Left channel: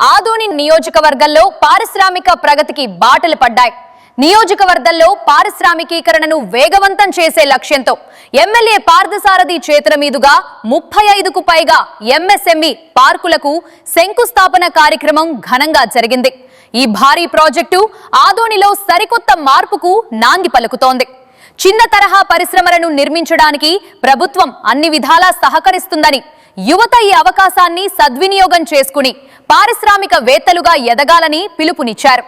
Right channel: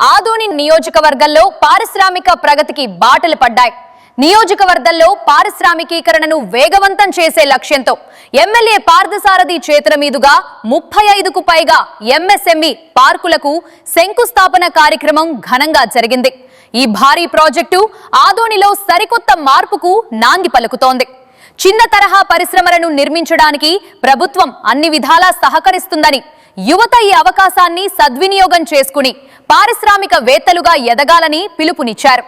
ఆదోని నియోజకవర్గంలో పారిశ్రామిక ప్రగతికి బాటలు పడ్డాయి. నియోజకవర్గంలో పారిశ్రామికీకరణను వేగవంతం చేసే లక్ష్యంతో ఎమ్మెల్యే పార్థసారథి చేతుల మీదుగా 35కు పైగా ఎంఎస్ఎంఈ పార్కులకు శంకుస్థాపన కార్యక్రమం ఘనంగా జరిగింది. ఈ భారీ ప్రాజెక్టు ఆదోనిలో సరికొత్త మార్పుకు నాంది పలుకుతోంది. చిన్న తరహా పరిశ్రమలను నిర్మించడానికి ప్రభుత్వం అన్ని విధాలా సహకరిస్తుందని, యువత ఈ అవకాశాన్ని సద్వినియోగం చేసుకుని పారిశ్రామికవేత్తలుగా ఎదగాలని పిలుపునిచ్చారు.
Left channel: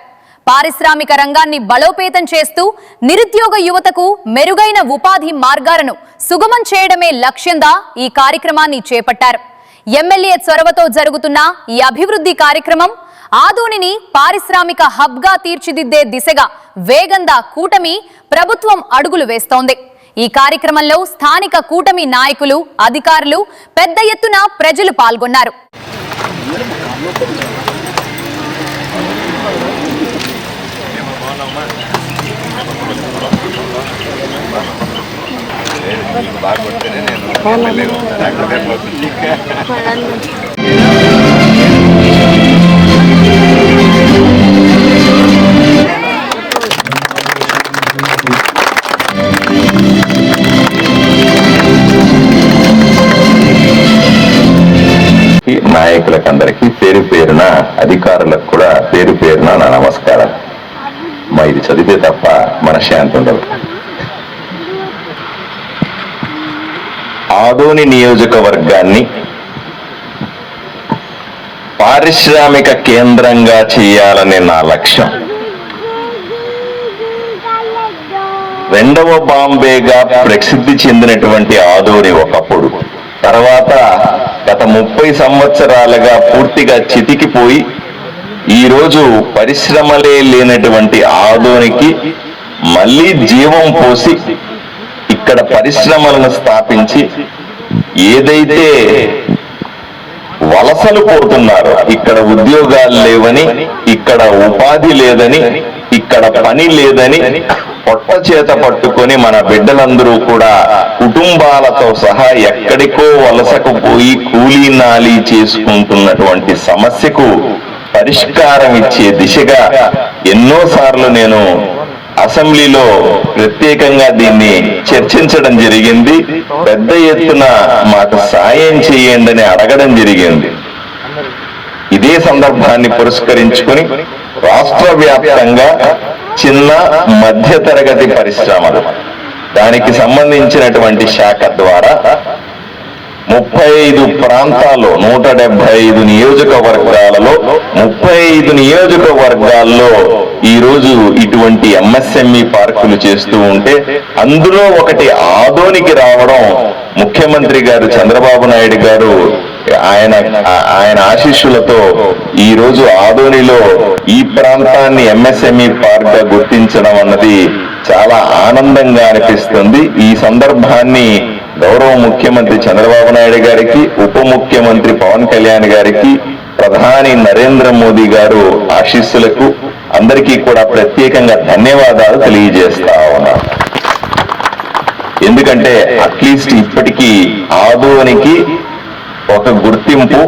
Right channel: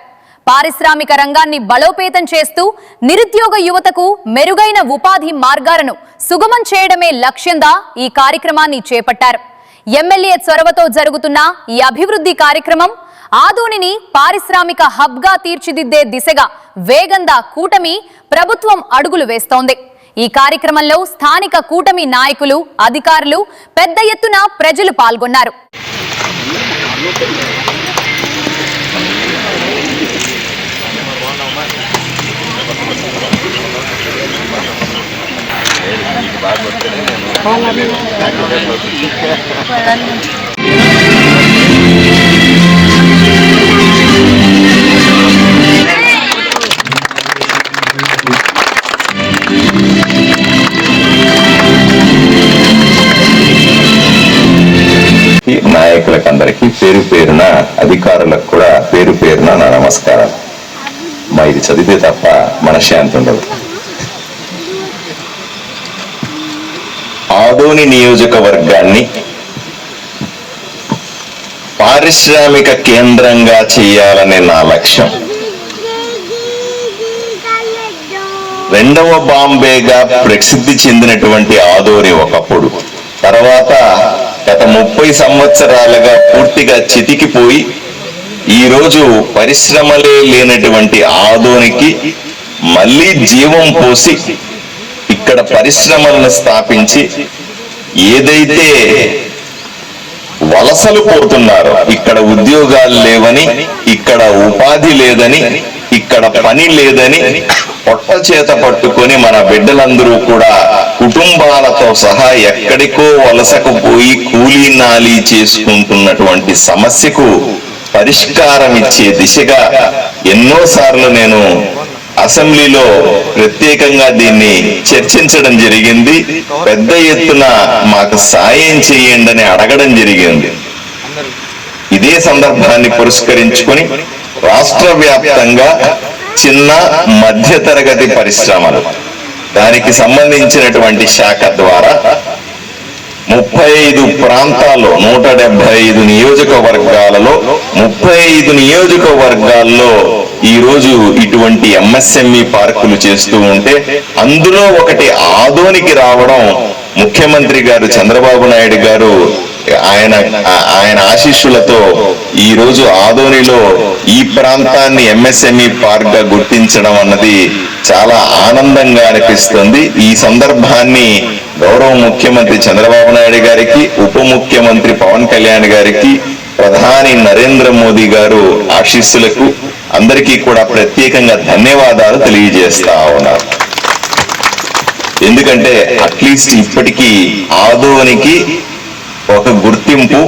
పారిశ్రామిక రంగాన్ని బలోపేతం చేస్తూ నిరుద్యోగ యువతకు మెరుగైన ఉపాధి మార్గాలను సుగమం చేయడమే లక్ష్యంగా ఈ కార్యక్రమాన్ని చేపట్టారు. ఎమ్మెల్యే చొరవతో జరుగుతున్న ఈ అభివృద్ధి కార్యక్రమం ఆదోనిని పారిశ్రామిక హబ్గా తీర్చిదిద్దే దిశగా వేగంగా కూటమి ప్రభుత్వం అడుగులు వేస్తోంది. ఈ కార్యక్రమంలో స్థానిక కూటమి నాయకులు, అధికారులు పెద్ద ఎత్తున ప్రజలు పాల్గొన్నారు. నాయకులకందరికీ పేరు పేరున, అధికారులకు కూడా పేరు పేరున నా నమస్కారం. మా ఇది చదివితే తప్ప మనశ్శాంతి ఉండదు. ఆదోని నియోజకవర్గాన్ని పారిశ్రామిక కేంద్రంగా చేయాలనే నా లక్ష్యం. రెండవ బాంబేగా ప్రసిద్ధి చెందినటువంటి ఆదోని ఒకప్పుడు, తర్వాత గత 30 సంవత్సరాలుగా పూర్తిగా చితికిపోయి ఈరోజు పరిశ్రమలే లేనటువంటి ఆదోనికి మళ్ళీ జీవం పోసి ఇక్కడ పరిశ్రమలను స్థాపించి ఏదైతే వలసలు పోతున్నారో, ఇక్కడ ఉద్యోగాలు లేవని, ఇక్కడ ఉపాధి లేదని, ఇక్కడ పని లేదని పొట్ట చేత పట్టుకొని మన బిడ్డలందరూ కూడా కుటుంబాలతో సహా ఎక్కడికో వలసకు పోయి కూలీ నాలీ చేసుకుంటున్నటువంటి సమస్యకు పరిష్కారం ఇచ్చే దిశగా ఎన్నోసార్లు నేను అసెంబ్లీలో ప్రత్యేకంగా దీన్ని చర్చించడం జరిగింది. పెద్ద ఎత్తున మాకు సాయం చేయండి అని అడగడం జరిగింది. ఇదే సందర్భాన్ని పురస్కరించుకొని రాష్ట్ర వ్యాప్తంగా చిన్న మధ్య తరగతి పరిశ్రమలు, దానికి సంబంధించినటువంటి శాఖ ద్వారా 35 ప్రాంతాల్లో 175 నియోజకవర్గాలలో 35 నియోజకవర్గాల్లో ఈరోజు ఇటువంటి ఎంఎస్ఎంఈ పార్కులు చేస్తూ ఉంటే, అందులో ఒకటి ఆదోనికి రావడం ముఖ్యమంత్రి గారు చంద్రబాబు నాయుడు గారు ఆయన ఆశీస్సులతో ఈ రోజు ఆదోనిలో ఈ ప్రాంతాన్ని ఎంఎస్ఎంఈ పార్క్ గా గుర్తించడం అన్నది చాలా ఆనందంగా అనిపిస్తుంది. ఈ సందర్భాన్ని గౌరవ ముఖ్యమంత్రి చంద్రబాబు నాయుడు గారికి, ఉప ముఖ్యమంత్రి పవన్ కళ్యాణ్ గారికి, ప్రధాని నరేంద్ర మోదీ గారు ఆశీస్సులకు అందరికీ కూడా ప్రత్యేకంగా ధన్యవాదాలు తెలియజేస్తా ఉన్నారు. ఎందుకంటే అట్లీస్ట్ ఇప్పటికీ ఆదోనికి ఒక గుర్తింపు,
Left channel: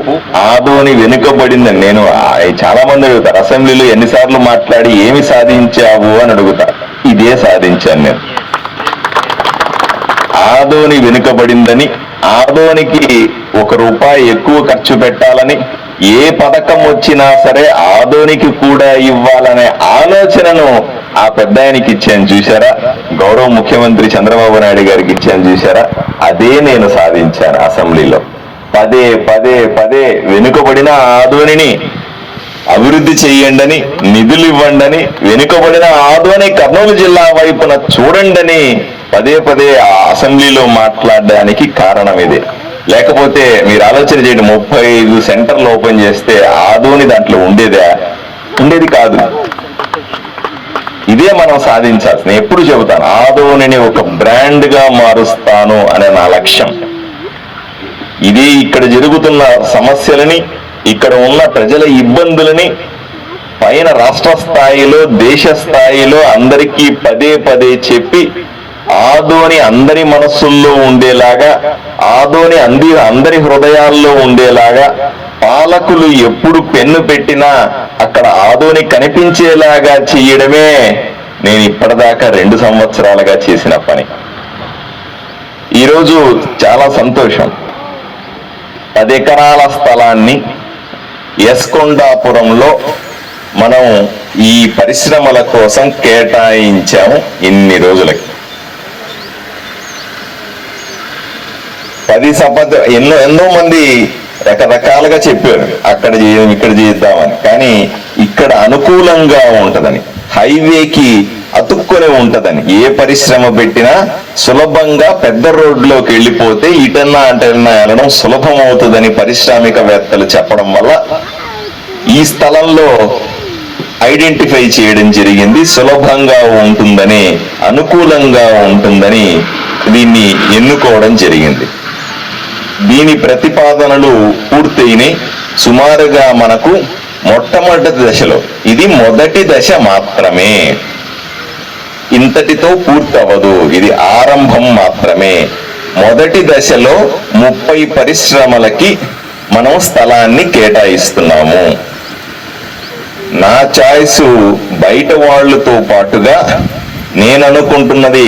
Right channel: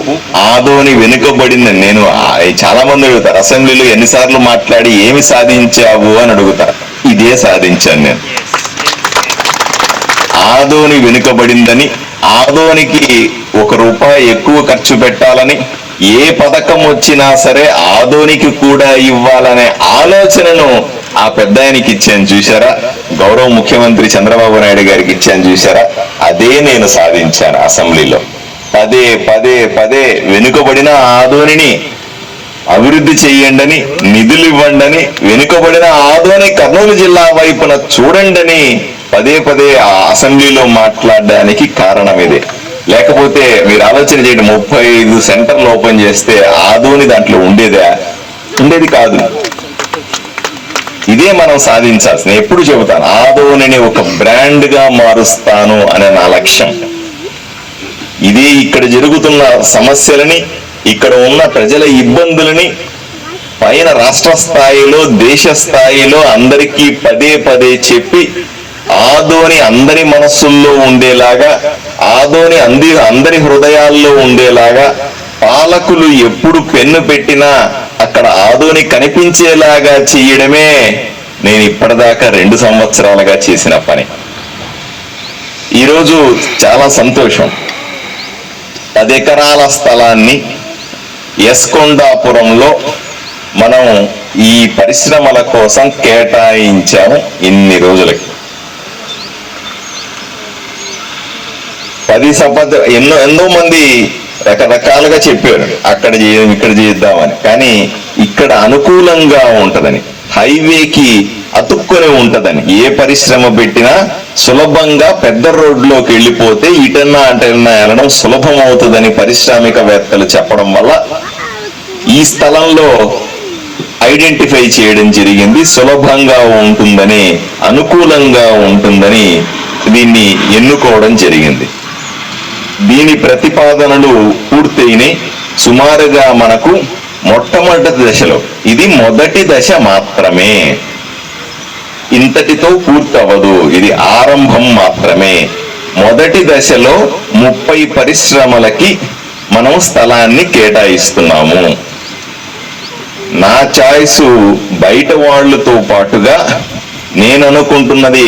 ఆదోని వెనుకబడిందని. నేను చాలా మంది అడుగుతారు, అసెంబ్లీలో ఎన్నిసార్లు మాట్లాడి ఏమి సాధించావు అని అడుగుతారు. ఇదే సాధించాను నేను. ఆదోని వెనుకబడిందని, ఆదోనికి 1 రూపాయి ఎక్కువ ఖర్చు పెట్టాలని, ఏ పథకం వచ్చినా సరే ఆదోనికి కూడా ఇవ్వాలనే ఆలోచనను ఆ పెద్ద ఆయనకి ఇచ్చాను చూసారా, గౌరవ ముఖ్యమంత్రి చంద్రబాబు నాయుడు గారికి ఇచ్చాను చూసారా, అదే నేను సాధించాను అసెంబ్లీలో. పదే పదే పదే వెనుకబడిన ఆదోనిని అభివృద్ధి చేయండి, నిధులు ఇవ్వండి, వెనుకబడిన ఆదోని కర్నూలు జిల్లా వైపున చూడండి పదే పదే ఆ అసెంబ్లీలో మాట్లాడడానికి కారణం ఇదే. లేకపోతే మీరు ఆలోచన చేయండి, 35 సెంటర్లు ఓపెన్ చేస్తే ఆదోని దాంట్లో ఉండేది కాదు. ఇదే మనం సాధించాల్సింది. ఎప్పుడు చెబుతాను, ఆదోనిని ఒక బ్రాండ్ గా మారుస్తాను అనే నా లక్ష్యం. ఇదే ఇక్కడ జరుగుతున్న సమస్యలని, ఇక్కడ ఉన్న ప్రజల ఇబ్బందులని పైన రాష్ట్ర స్థాయిలో, దేశ స్థాయిలో అందరికీ పదే పదే చెప్పి ఆదోని అందరి మనస్సుల్లో ఉండేలాగా, ఆదోని అందరి హృదయాల్లో ఉండేలాగా, పాలకులు ఎప్పుడు పెన్ను పెట్టినా అక్కడ ఆదోని కనిపించేలాగా చేయడమే నేను ఇప్పటిదాకా 2 సంవత్సరాలుగా చేసిన పని. ఈరోజు చాలా సంతోషం. 10 ఎకరాల స్థలాన్ని యస్కొండాపురంలో మనం ఈ పరిశ్రమల కోసం కేటాయించాము. ఇన్ని రోజులకి 10 ఎన్నో మంది రకరకాలుగా చెప్పారు, అక్కడ ఇక్కడ చేద్దామని. కానీ ఇక్కడ అనుకూలంగా ఉంటదని, హైవేకి అతుక్కొని ఉంటదని, ఏ పరిశ్రమ పెట్టినా సులభంగా పెద్ద రోడ్లోకి వెళ్ళిపోతే ఇటన్నా అటన్నా వెళ్ళడం సులభం అవుతుందని పారిశ్రామికవేత్తలు చెప్పడం వల్ల ఈ స్థలంలో ఐడెంటిఫై చేయడం జరిగింది. సులభంగా ఉంటుందని, అనుకూలంగా ఉంటుందని దీన్ని ఎన్నుకోవడం జరిగింది. దీని ప్రతిపాదనలు పూర్తయినాయి. సుమారుగా మనకు మొట్టమొదటి దశలో, ఇది మొదటి దశ మాత్రమే, ఇంతటితో పూర్తవదు, ఇది ఆరంభం మాత్రమే. మొదటి దశలో 30 పరిశ్రమలకి మనం స్థలాన్ని కేటాయిస్తున్నాము. నా చాయిస్ బయట వాళ్ళతో పాటుగా నేను అనుకుంటున్నది,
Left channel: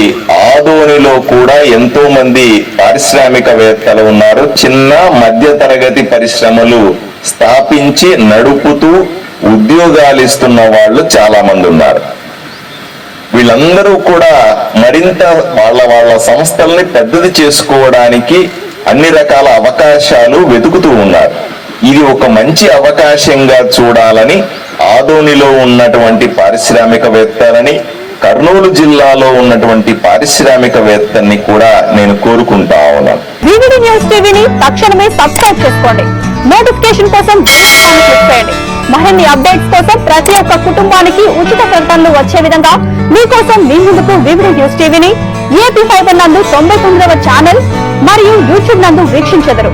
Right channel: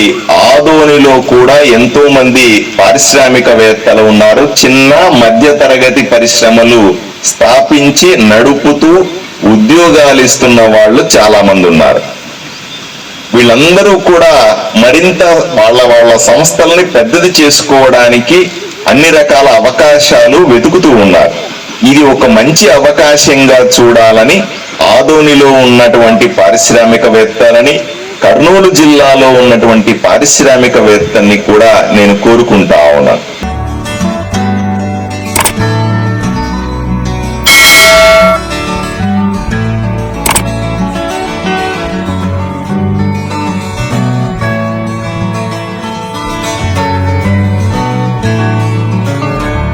ఆదోనిలో కూడా ఎంతో మంది పారిశ్రామికవేత్తలు ఉన్నారు. చిన్న మధ్య తరగతి పరిశ్రమలు స్థాపించి నడుపుతూ ఉద్యోగాలు ఇస్తున్న వాళ్ళు చాలా మంది ఉన్నారు. వీళ్ళందరూ కూడా మరింత వాళ్ళ సంస్థల్ని పెద్దది చేసుకోవడానికి అన్ని రకాల అవకాశాలు వెతుకుతూ ఉన్నారు. ఇది ఒక మంచి అవకాశంగా చూడాలని ఆదోనిలో ఉన్నటువంటి పారిశ్రామికవేత్తలని, కర్నూలు జిల్లాలో ఉన్నటువంటి పారిశ్రామికవేత్తల్ని కూడా నేను కోరుకుంటా ఉన్నాను. వివిడి న్యూస్ టీవీని తక్షణమే సబ్స్క్రైబ్ చేసుకోండి. నోటిఫికేషన్ కోసం బెల్ ఐకాన్ క్లిక్ చేయండి. మరిన్ని అప్డేట్స్ కోసం ప్రతి ఒక్క కుటుంబానికి ఉచిత ప్రకటనలు వచ్చే విధంగా మీకోసం మీ ముందుకు వివిడి న్యూస్ టీవీని ఏపీ ఫైబర్ నందు 99వ ఛానల్ మరియు యూట్యూబ్ నందు వీక్షించెదరు.